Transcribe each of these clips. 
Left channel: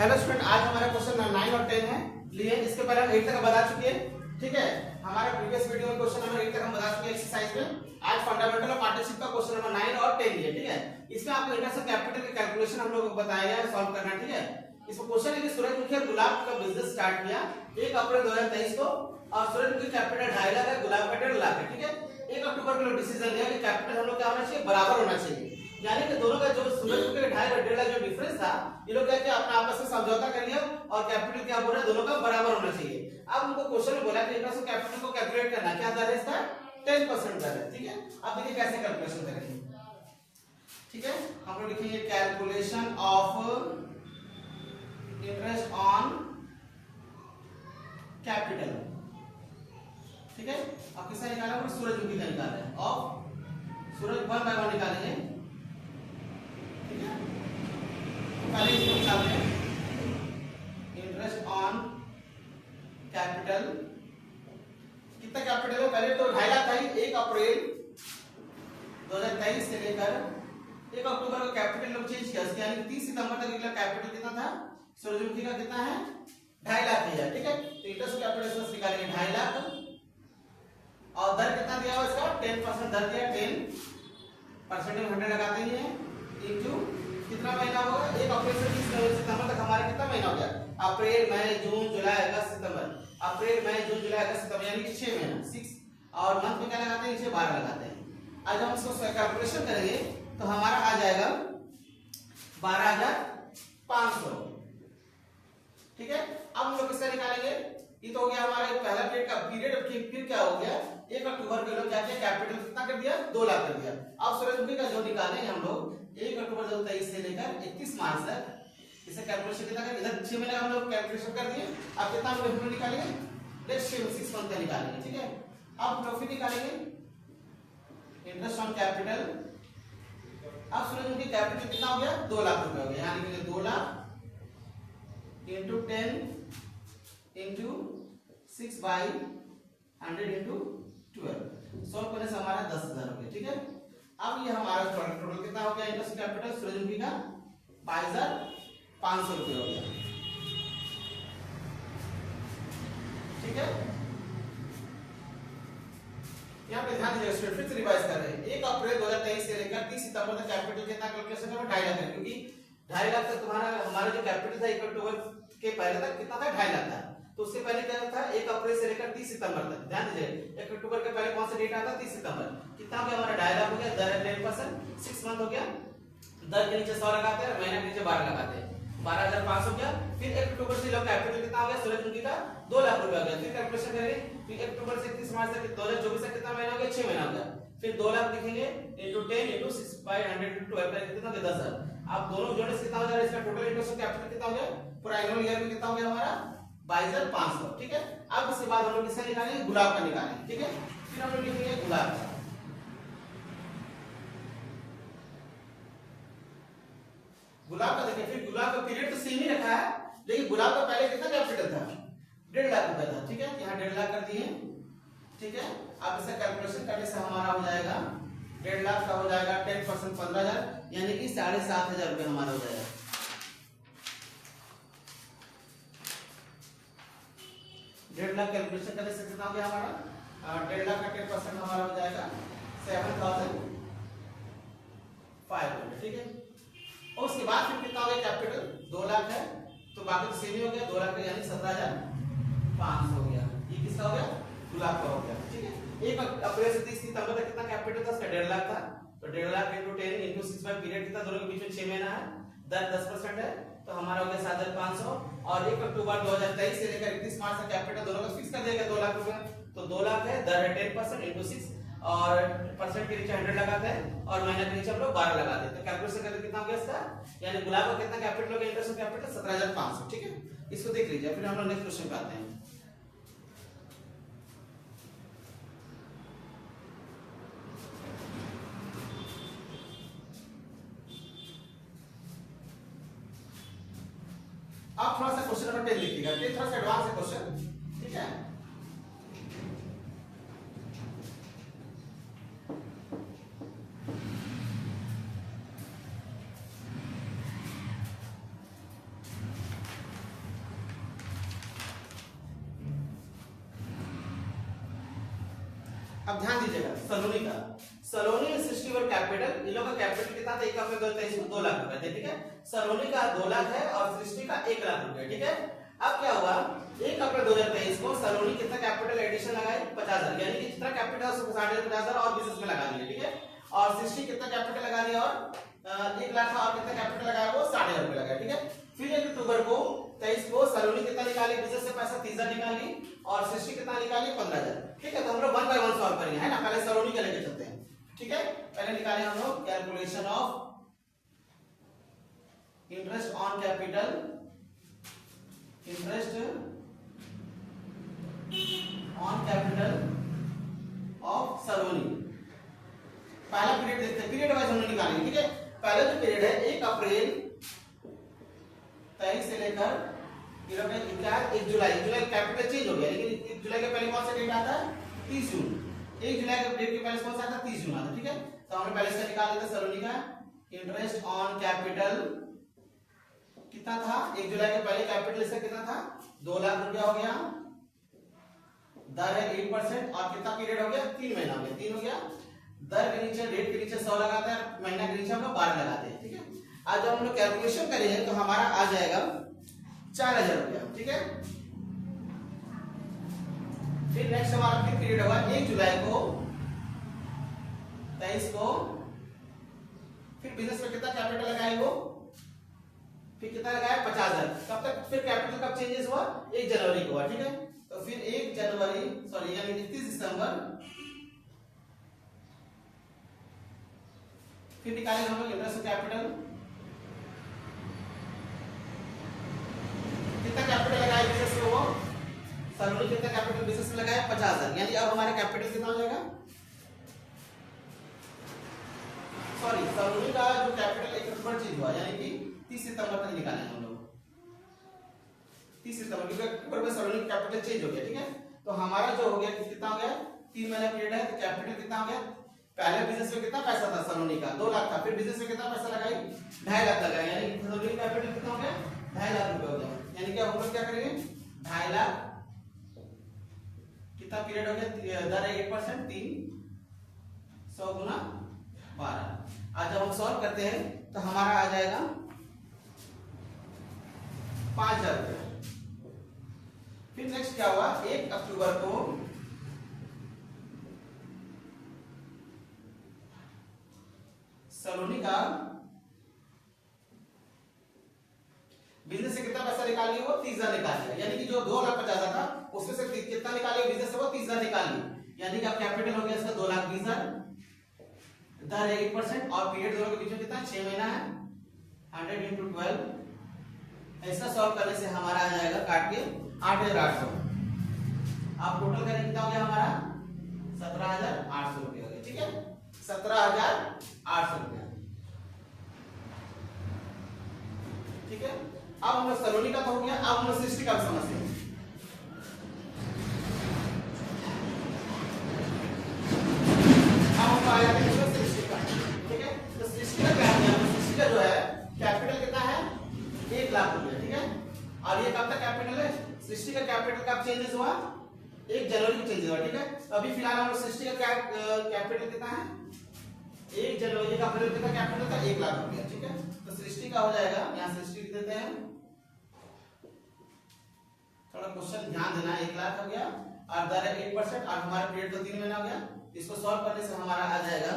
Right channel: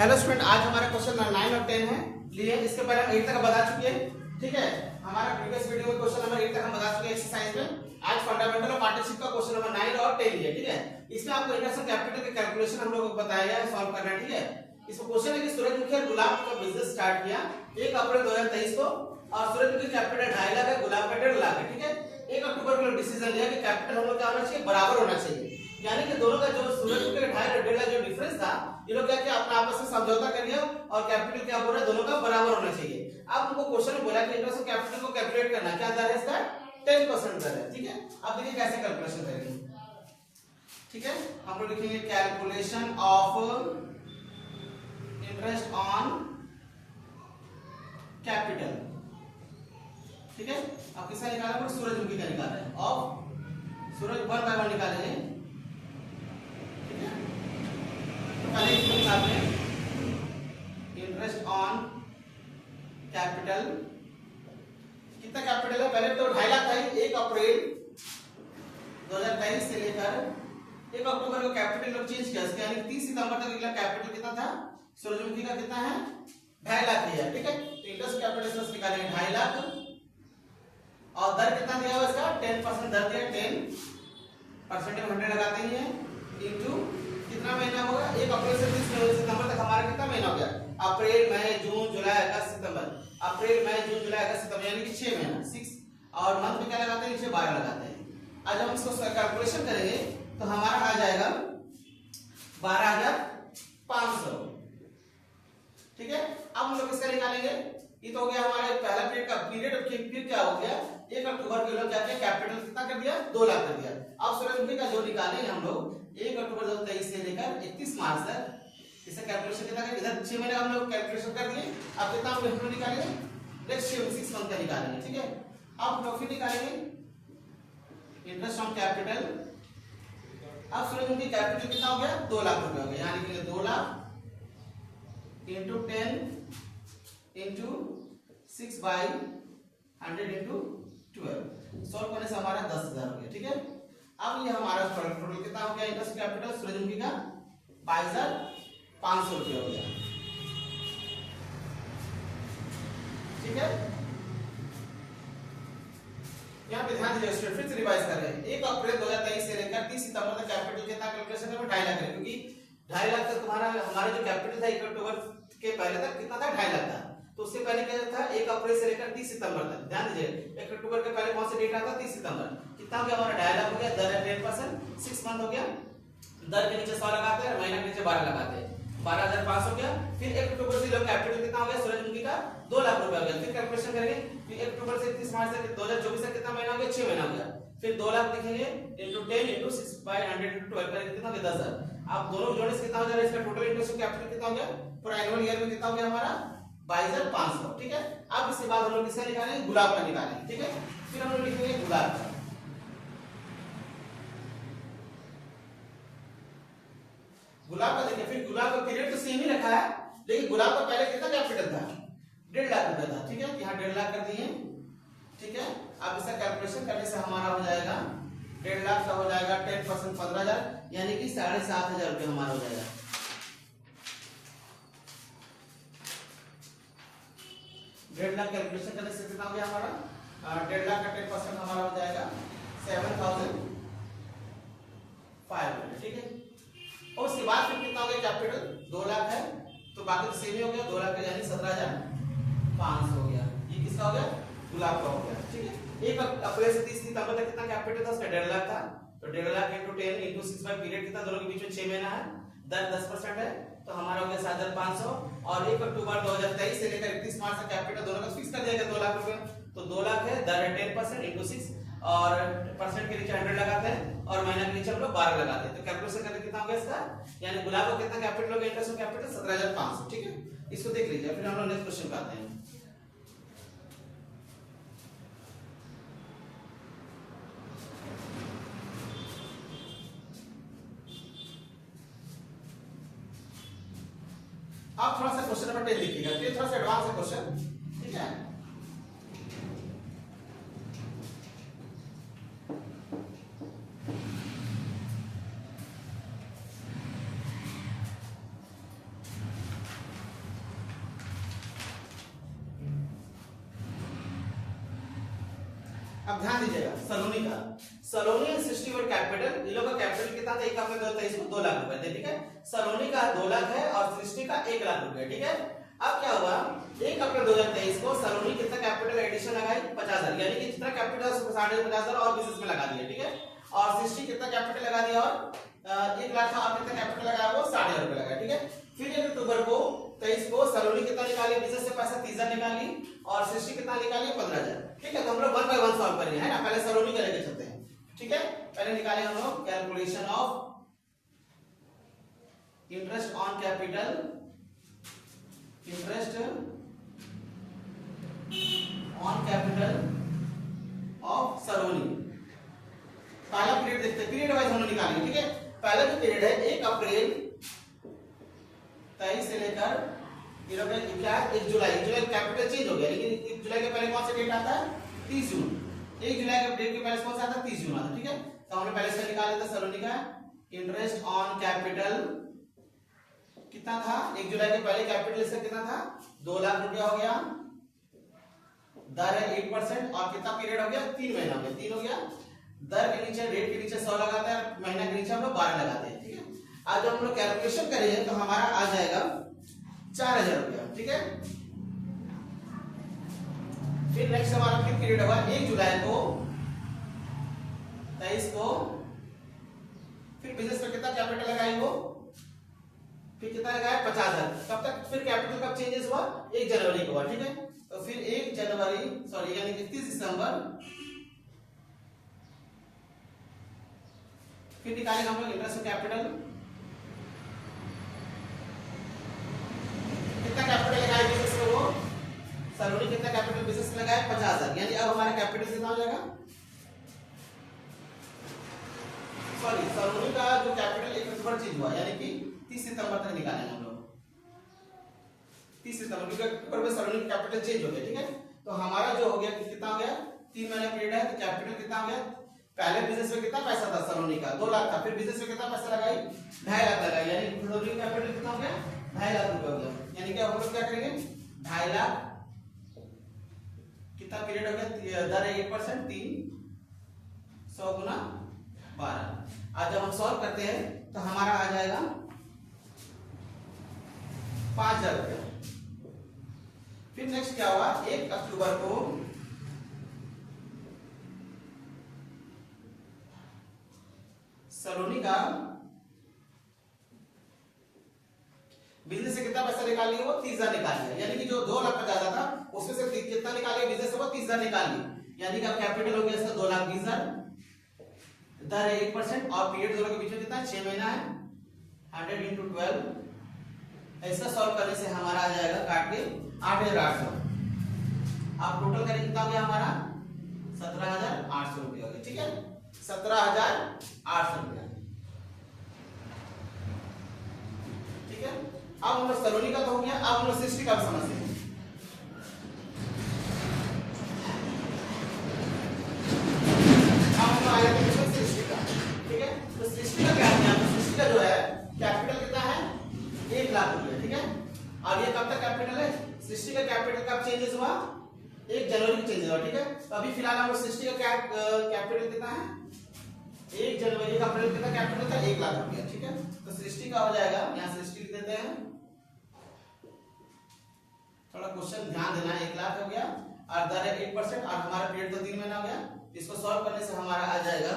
Hello student, आज हमारा question 9 और 10 है लिए इसके बारे में 8 तक बता चुके हैं। ठीक है, हमारा प्रीवियस वीडियो में क्वेश्चन नंबर 8 तक हम बता चुके हैं एक्सरसाइज में। आज फंडामेंटल ऑफ पार्टनरशिप का क्वेश्चन नंबर 9 और 10 लिए। ठीक है, इसमें आपको इंटरेस्ट कैपिटल के कैलकुलेशन हम लोगों को बताया है, सॉल्व करना। ठीक है, इसमें क्वेश्चन है कि सूरजमुखी और गुलाब का बिजनेस स्टार्ट किया 1 अप्रैल 2023 को और सूरजमुखी कैपिटल 2.5 लाख है, गुलाब का 1.5 लाख है। ठीक है, 1 अक्टूबर को लोग डिसीजन लिया कि कैपिटल हम लोग क्या होना चाहिए, बराबर होना चाहिए। यानी कि दोनों का जो सूरजमुखी का 2.5 और 1.5 लाख जो डिफरेंस था, ये लोग क्या किया, अपना आपस में समझौता कर लिया और कैपिटल क्या बोल रहे हैं, दोनों का बराबर होना चाहिए। अब उनको क्वेश्चन में बोला कि इंटरेस्ट ऑफ कैपिटल को कैलकुलेट करना, क्या दर है इसका 10% दर है। ठीक है, अब देखिए कैसे कैलकुलेशन करेंगे। ठीक है, हम लोग लिखेंगे calculation of interest on capital. ठीक है, अब किसका निकाला है, सूरजमुखी का निकाला है। ऑफ सूरज 1 बाय 1 निकालेंगे। ठीक है, पहले इसको निकालते हैं इंटरेस्ट ऑन कैपिटल। कितना कैपिटल है, पहले तो 2.5 लाख था। 1 अप्रैल 2023 से लेकर 1 अक्टूबर को कैपिटल लोग चेंज किया, यानी 30 सितंबर तक इनका कैपिटल कितना था, सूरजमुखी का कितना है, 2.5 लाख है। ठीक है, इंटरेस्ट कैपिटल निकालेंगे 2.5 लाख और दर कितना दिया हुआ इसका 10% दर दिया। 10% में 100 लगाते हैं इनटू कितना महीना होगा, 1 अप्रैल से 30 सितंबर तक हमारा कितना महीना हो गया, अप्रैल मई जून जुलाई अगस्त सितंबर, अप्रैल मई जून जुलाई अगस्त सितंबर, यानी कि 6 महीना 6। और मंथ में क्या लगाते हैं, नीचे 12 लगाते हैं। आज हम इसको कैलकुलेशन करेंगे तो हमारा आ जाएगा 12,500। ठीक है, अब हम लोग किसका निकालेंगे, ये तो हो गया हमारा पहला पीरियड का पीरियड। फिर क्या हो गया, 1 अक्टूबर के लोग क्या किया, कैपिटल कितना कर दिया, 2 लाख कर दिया। अब सूरजमुखी का जो निकालेंगे हम लोग 1 अक्टूबर 2023 से लेकर 31 मार्च तक, इसे कैलकुलेशन कितना करेंगे, इधर 6 महीने हम लोग कैलकुलेशन कर दिए। अब कितना हम लोग निकालेंगे, नेक्स्ट 6 मंथ का निकालेंगे। ठीक है, अब प्रॉफिट निकालेंगे इंटरेस्ट ऑन कैपिटल। अब सूरजमुखी कैपिटल कितना हो गया, 2 लाख रुपए हो गया, यानी कि 2 lakh into 10 into 6 by 100 into 12 solve करने से हमारा 10,000 हो गया। ठीक है, अब ये हमारा टोटल कितना हो गया, इंटरेस्ट कैपिटल सूरजमुखी का 22,500 रुपये हो गया। ठीक है, यहाँ पे ध्यान दीजिए स्टूडेंट, फिर से रिवाइज कर रहे हैं। 1 अप्रैल 2023 से लेकर 30 सितंबर तक कैपिटल कितना कैलकुलेशन करो, 2.5 लाख है, क्योंकि 2.5 लाख तक तुम्हारा हमारा जो कैपिटल था 1 अक्टूबर के पहले तक कितना था, 2.5 लाख था। तो उससे पहले क्या था, 1 अप्रैल से लेकर 30 सितंबर तक। ध्यान दीजिए 1 अक्टूबर के पहले कौन सा डेट आता, 30 सितंबर। कितना हो गया हमारा, 2.5 लाख हो गया। दर है 10%, 6 मंथ हो गया। दर के नीचे 100 लगाते हैं और महीने के नीचे 12 लगाते हैं, 12,500 हो गया। फिर 1 अक्टूबर से कैपिटल कितना हो गया सूरजमुखी का, 2 लाख रुपए हो गया। फिर कैलकुलेशन करेंगे, फिर 1 अक्टूबर से 31 मार्च तक 2024 तक कितना महीना हो गया, 6 महीना हो गया। फिर 2 लाख लिखेंगे इंटू 10 इंटू 6 बाई 100 इंटू 12 कितना हो गया, 10,000। अब दोनों जोड़ने से कितना हो जा रहा है, इसका टोटल इंटरेस्ट कैपिटल कितना हो गया, पूरा एनुअल ईयर में कितना हो गया हमारा 22,500। ठीक है, अब इसके बाद हम लोग किसका निकालेंगे, गुलाब का निकालेंगे। ठीक है, फिर हम लोग लिखेंगे गुलाब का। गुलाब का देखिए, फिर गुलाब का पीरियड तो सेम ही रखा है, लेकिन गुलाब का पहले कितना कैपिटल था, 1.5 लाख रुपए था। ठीक है, यहाँ 1.5 लाख कर दिए। ठीक है, अब इसका कैलकुलेशन करने से हमारा हो जाएगा 1.5 लाख का हो जाएगा 10% 15,000, यानी कि 7,500 रुपये हमारा हो जाएगा। 1.5 लाख कैलकुलेशन करने से कितना हो गया हमारा, 1.5 लाख का 10% हमारा हो जाएगा 7,500। ठीक है, और उसके बाद फिर कितना हो गया, कैपिटल 2 लाख है, तो बाकी तो सेम ही हो गया, 2 लाख का यानी 17,500 हो गया। ये किसका हो गया, गुलाब का हो गया। ठीक है, 1 अप्रैल से 30 सितंबर तक कितना कैपिटल था, उसका 1.5 लाख था, तो 1.5 lakh into 10 into 6 by period कितना, दोनों के बीच में 6 महीना है, दर 10% है, तो हमारा हो गया 7,500। और 1 अक्टूबर 2023 से लेकर 31 मार्च तक कैपिटल दोनों का फिक्स कर दिया गया 2 लाख रुपए, तो 2 लाख है, दर है 10% इंटू 6 और परसेंट के नीचे 100 लगाते हैं और महीने के नीचे हम लोग 12 लगाते हैं। तो कैलकुलेशन करके कितना हो गया इसका, यानी गुलाब का कितना कैपिटल हो गया, इंटरेस्ट कैपिटल 17,500। ठीक है, इसको देख लीजिए। फिर हम लोग नेक्स्ट क्वेश्चन पे आते हैं। आप थोड़ा सा क्वेश्चन नंबर 10 लिखिएगा, ये थोड़ा सा एडवांस है क्वेश्चन। ठीक है, अब ध्यान दीजिएगा, सलोनी का, सलोनी एंड सृष्टि वर कैपिटल, इन लोगों का कैपिटल कितना था, एक अपने 2 लाख रुपए थे, ठीक है। सलोनी का 2 लाख है और सृष्टि का 1 लाख रुपए, ठीक है। अब क्या हुआ, 1 अप्रैल 2023 को सलोनी कितना कैपिटल एडिशन लगाई, 50,000, यानी कि जितना कैपिटल है उसको 50,000 और बिजनेस में लगा दिया, ठीक है। और सृष्टि कितना कैपिटल लगा दिया, और 1 लाख था और कितना कैपिटल लगाया, वो 60,000 रुपए लगाया, ठीक है। फिर 1 अक्टूबर को 23 को सलोनी कितना निकाली, बिजनेस से पैसा 30,000 निकाली और सृष्टि कितना निकाली, 15,000, ठीक है। तो हम लोग 1 बाय 1 सॉल्व करेंगे, है ना। पहले सलोनी के लेके चलते हैं, ठीक है। पहले निकाले हम लोग calculation of interest on capital, interest on capital of Saloni. पहला पीरियड देखते हैं, पीरियड वाइज हम लोग निकालेंगे, ठीक है। पहला जो पीरियड है 1 अप्रैल 23 से लेकर क्या 1 जुलाई, जुलाई कैपिटल चेंज हो गया, लेकिन 1 जुलाई के पहले कौन सा डेट आता है, 30 जून। 1 जुलाई के डेट के पहले कौन सा आता है, 30 जून आता है, ठीक है। तो हमने पहले से निकाल लेते हैं सलोनी का इंटरेस्ट ऑन कैपिटल कितना था, 1 जुलाई के पहले कैपिटल इसका कितना था, 2 लाख रुपया हो गया, दर है 8% और कितना पीरियड हो गया, 3 महीना हो गया, 3 हो गया। दर के नीचे रेट के नीचे 100 लगाते हैं, महीना के नीचे हम लोग 12 लगाते हैं, ठीक है। आज हम लोग कैलकुलेशन करेंगे तो हमारा आ जाएगा 4,000 रुपया, ठीक है। फिर नेक्स्ट हमारा फिर पीरियड होगा 1 जुलाई को 23 को, फिर बिजनेस में कितना कैपिटल लगाएंगे, फिर कितना लगाया, 50,000। कब तक, फिर कैपिटल कब चेंजेस हुआ, 1 जनवरी को हुआ, ठीक है। तो फिर 1 जनवरी सॉरी यानी 31 दिसंबर, फिर निकालेंगे हम लोग इंटरेस्ट कैपिटल, कितना कैपिटल लगाया बिजनेस में, वो सलोनी कितना कैपिटल बिजनेस में लगाया, 50,000, यानी अब हमारा कैपिटल कितना हो जाएगा, सॉरी सलोनी का जो कैपिटल 1 अक्टूबर चेंज हुआ, यानी कि 30 सितंबर तक निकालेंगे हम लोग, 30 सितंबर, क्योंकि अक्टूबर में सलोनी का कैपिटल चेंज हो गया, ठीक है। तो हमारा जो हो गया कितना हो गया, 3 महीना पीरियड है, तो कैपिटल कितना हो गया, पहले बिजनेस में कितना पैसा था सलोनी का, 2 लाख था, फिर बिजनेस में कितना पैसा लगाई, 2.5 लाख लगाया, यानी सलोनी का कैपिटल कितना हो गया, 2.5 लाख रुपए हो गया। यानी कि हम लोग क्या करेंगे, 2.5 लाख, कितना पीरियड हो गया, दर है 8%, 300 गुना 12। आज जब हम सॉल्व करते हैं तो हमारा आ जाएगा 5,000 रुपए। फिर नेक्स्ट क्या हुआ, 1 अक्टूबर को सलोनी का बिजनेस से कितना पैसा निकाल लिया, वो 30,000 निकाल लिया, यानी कि जो 2,50,000 था उसमें से कितना निकाल लिया बिजनेस से, वो 30,000 निकाल लिया, यानी कि अब कैपिटल हो गया इसका 2,20,000, दर 8% और पीरियड दोनों के बीच में कितना है, 6 महीना है, 100 × 12। ऐसा सॉल्व करने से हमारा आ जाएगा काट के 8,800। आप टोटल करेंगे कितना हो गया हमारा, 17,800 रुपये हो गया, ठीक है, 17,800 रुपया, ठीक है। अब हम लोग सलोनी का तो हो गया, अब हम लोग सृष्टि का भी समझते हैं। ठीक है, तो सृष्टि का क्या है, सृष्टि का जो है कैपिटल कितना है, 1 लाख रुपया, ठीक है। और ये कब तक कैपिटल है, सृष्टि का कैपिटल कब चेंजेस हुआ, 1 जनवरी को चेंज हुआ, ठीक है। तो अभी फिलहाल हम सृष्टि का कैपिटल कितना है, 1 जनवरी का अप्रैल कितना कैपिटल था, 1 लाख रुपया, ठीक है। तो सृष्टि का हो जाएगा, यहाँ सृष्टि देते हैं, थोड़ा क्वेश्चन ध्यान देना है, 1 लाख हो गया और दर है 8% और हमारा पीरियड तो 3 महीना हो गया। इसको सॉल्व करने से हमारा आ जाएगा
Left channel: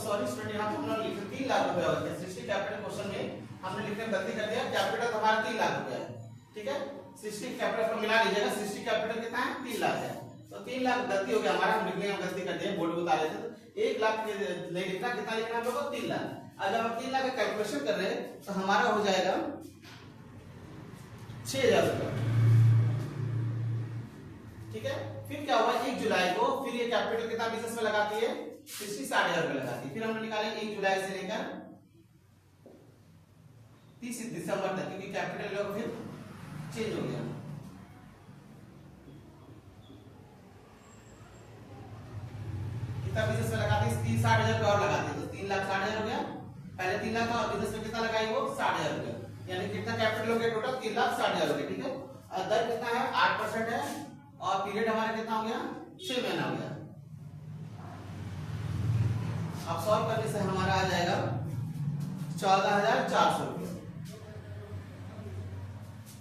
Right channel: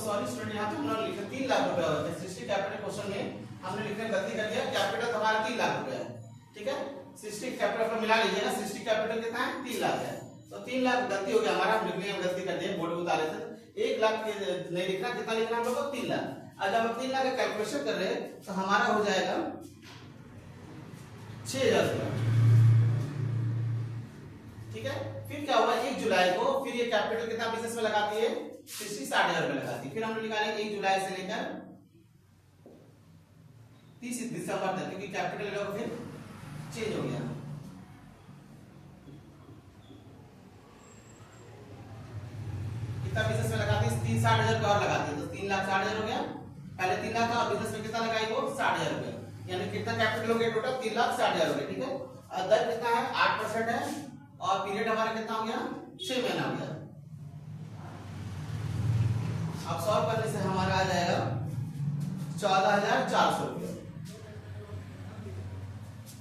सॉरी स्टूडेंट, यहाँ तो हमने लिखा 3 लाख रुपया हो गया, सृष्टि कैपिटल क्वेश्चन में हमने लिखने में गलती कर दिया, कैपिटल हमारा 3 लाख रुपया है, ठीक है। सृष्टि कैपिटल पर मिला लीजिएगा, सृष्टि कैपिटल कितना है, 3 लाख है, तो 3 लाख गलती हो गया हमारा, हम लिखने में गलती कर दिए, बोर्ड में उतारे थे, 1 लाख नहीं लिखना, कितना लिखना हम लोग को, 3 लाख। आज हम 3 लाख का कैलकुलेशन कर रहे हैं तो हमारा हो जाएगा 6,000 रुपया, ठीक है। फिर क्या होगा, 1 जुलाई को फिर ये कैपिटल कितना बिजनेस में लगाती है, 60,000 रुपए लगाती है। फिर हम निकालेंगे 1 जुलाई से लेकर 30 दिसंबर तक, क्योंकि कैपिटल का फिर चेंज हो गया। कितना बिजनेस में लगाते हैं? 60,000 रुपया और लगाते हैं तो 3,60,000 हो गया। पहले 3 लाख था, बिजनेस में कितना लगाई वो 60,000 रुपया, यानी कितना कैपिटल हो गया टोटल 3,60,000 हो गया। ठीक है, और दर कितना है 8% है, और पीरियड हमारा कितना हो गया 6 महीना हो गया। अब सॉल्व करने से हमारा आ जाएगा 14,400 रुपया।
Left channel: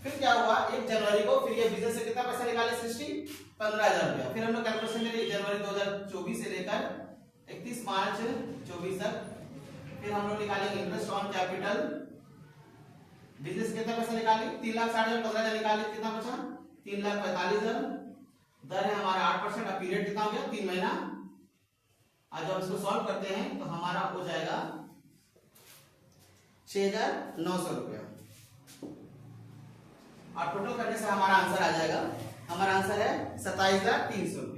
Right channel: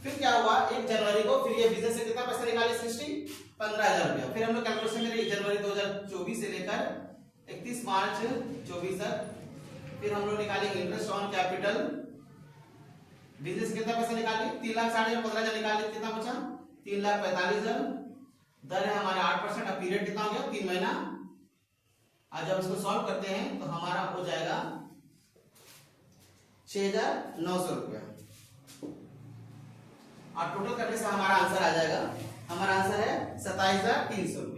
फिर क्या हुआ 1 जनवरी को फिर ये बिजनेस से कितना पैसा निकाले 15,000 रुपया। फिर हम लोग कैलकुलेशन करें 1 जनवरी 2024 से लेकर 31 मार्च 24 तक। फिर हम लोग निकालेंगे इंटरेस्ट ऑन कैपिटल। बिजनेस कितना पैसा निकाले 3,60,000, 15,000 निकाले, कितना बचा 3,45,000। दर है हमारा 8%, और पीरियड कितना हो गया 3 महीना। आज जब इसको सॉल्व करते हैं तो हमारा हो जाएगा 6,900 रुपया, और टोटल करने से हमारा आंसर आ जाएगा, हमारा आंसर है 27,300 रुपया।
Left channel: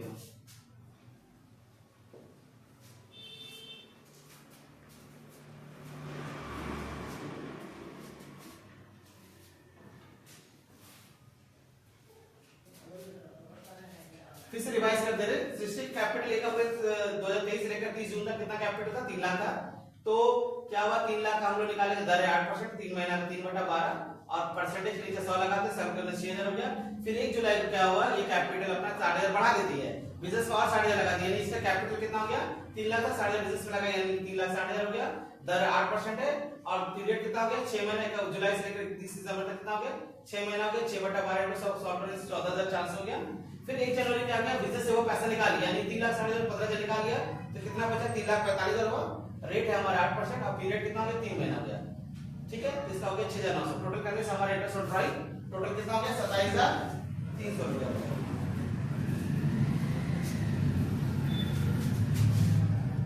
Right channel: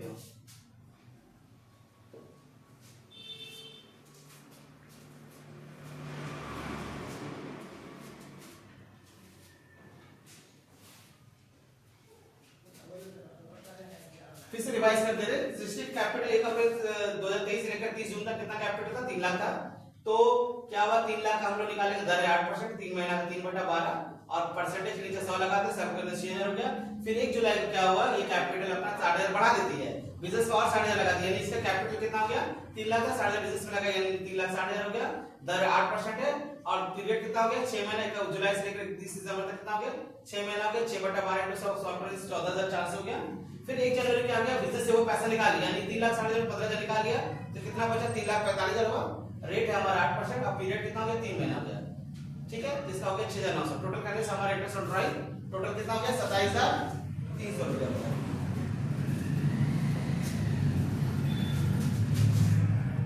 फिर से रिवाइज कर दे रहे, सृष्टि कैपिटल 1 अप्रैल 2023 लेकर 30 जून तक कितना कैपिटल था 3 लाख था। तो क्या हुआ 3 लाख हम लोग निकालेंगे, दर है 8%, 3 महीना का 3/12, और परसेंटेज के नीचे 100 लगाते, सब करने 6,000 रुपया। फिर 1 जुलाई को क्या हुआ, ये कैपिटल अपना 60,000 बढ़ा देती है, बिजनेस को और 60,000 लगा दिया, यानी इसका कैपिटल कितना हो गया 3 लाख था, 60,000 बिजनेस में लगा, यानी 3,60,000 हो गया। दर 8% है, और पीरियड कितना हो गया 6 महीने का, जुलाई से लेकर 30 दिसंबर तक कितना हो गया 6 महीना हो गया। 6/12 इनटू 100 सॉल्व करने से 14,400 हो गया। फिर 1 जनवरी क्या हो गया, बिजनेस से वो पैसा निकाल लिया, यानी 3,60,000 15,000 निकाल लिया, तो कितना बचा 3,45,000 हुआ। रेट है हमारा 8%, और पीरियड कितना हो गया 3 महीना हो गया। ठीक है, इसका हो गया 6,900। टोटल करने से हमारा इंटरेस्ट ऑन ड्राइव टोटल कितना हो गया 27,300 रुपया।